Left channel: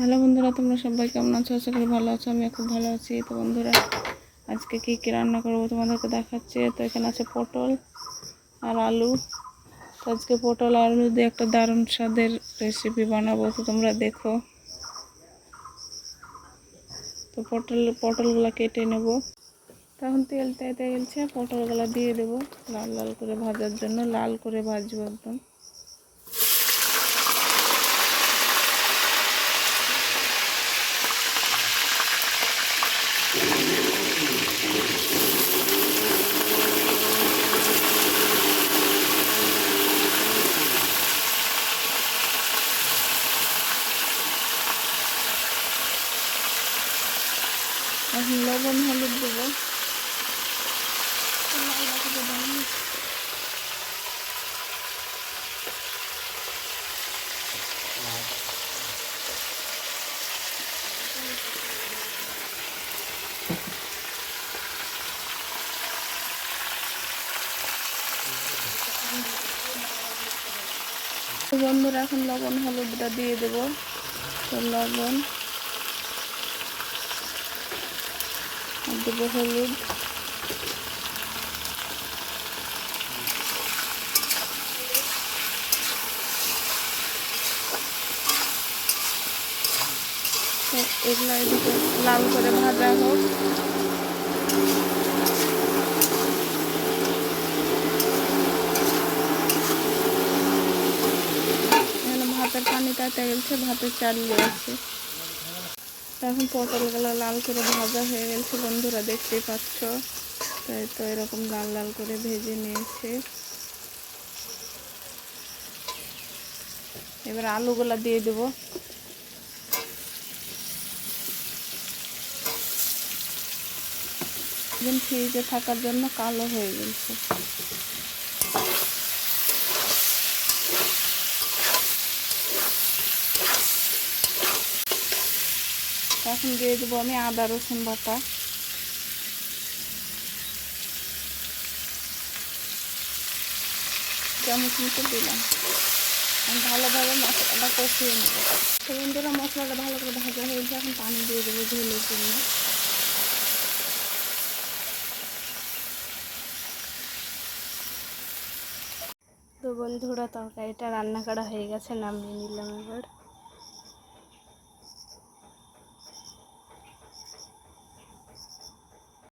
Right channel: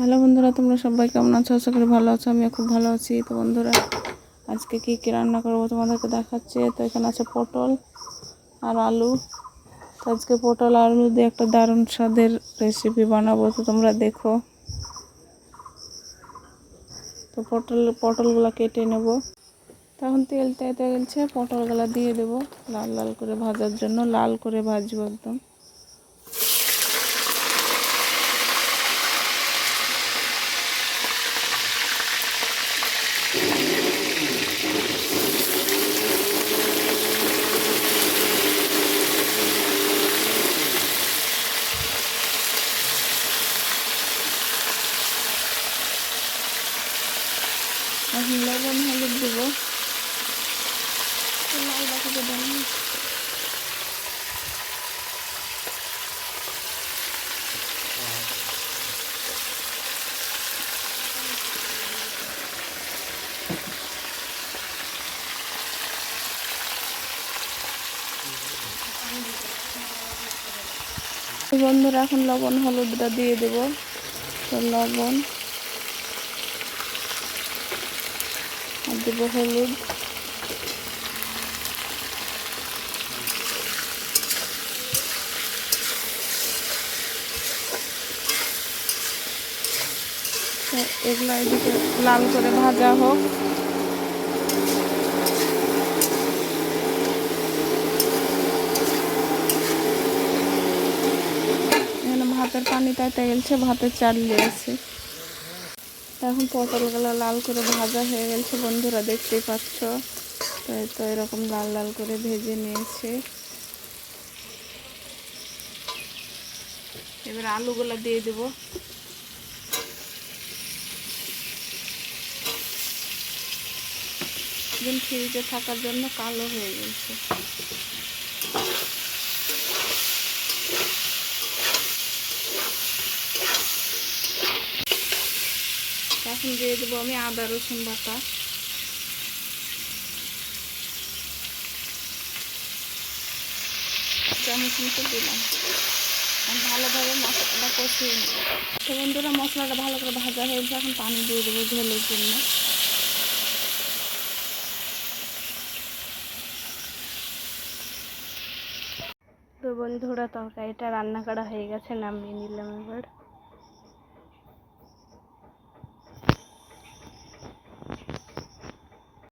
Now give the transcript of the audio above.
Hello বন্ধুরা, তোমরা সবাই কেমন আছো? আশা করি ভালো আছো। আমি খুব ভালো আছি। তো বন্ধুরা, আজকে কী কী রান্না করবো তোমাদেরকে দেখাচ্ছি। তো এখানে আছে পটল আর আলু। তো আজকে পটল আর আলু দিয়ে একটা দারুণ স্বাদের রেসিপি বানাবো, তো তোমরা দেখো। তো পটলগুলো কেটে নেব। তখন তেলটা এতে গেছে, পটলগুলো দিয়ে দেবো লাল লাল করে ভাজার জন্য। লাল করে ভাজবো একদম। এখন লবণ হলুদ দেবো। বন্ধুরা, এখন লবণ হলুদটা দিয়ে দেবো। তো লবণ আর দেবো হলুদ। এগুলো এদিকে লাল করে ভাজা হোক। এখানে ভাতের পানি তাতে গেছে, ভাতের চাল দিয়েছে। এখন পটলগুলো লাল করে ভাজা হয়ে গেছে বন্ধুরা, দেখতেই পাচ্ছ। তো এরকম লাল লাল করে ভেজে নিয়েছে। এবার আলুগুলো দিয়ে দেবো। দিন ফ্রিজে থাকার জন্য কালো হয়ে গেছে। এখন দিয়ে দেবো আমি আদা রসুন বাটা। চামচ মতো দিলাম। ভালোভাবে মশলাটা কষিয়ে নেব। তো বন্ধুরা, মশলাটা ভালো করে ভাজা হয়েছে। এখন পানি দিয়ে দেবো ঝোলের জন্য। তো বন্ধুরা, তরকারিটা রান্না করা হয়ে গেছে, নামিয়ে নিলাম এবার।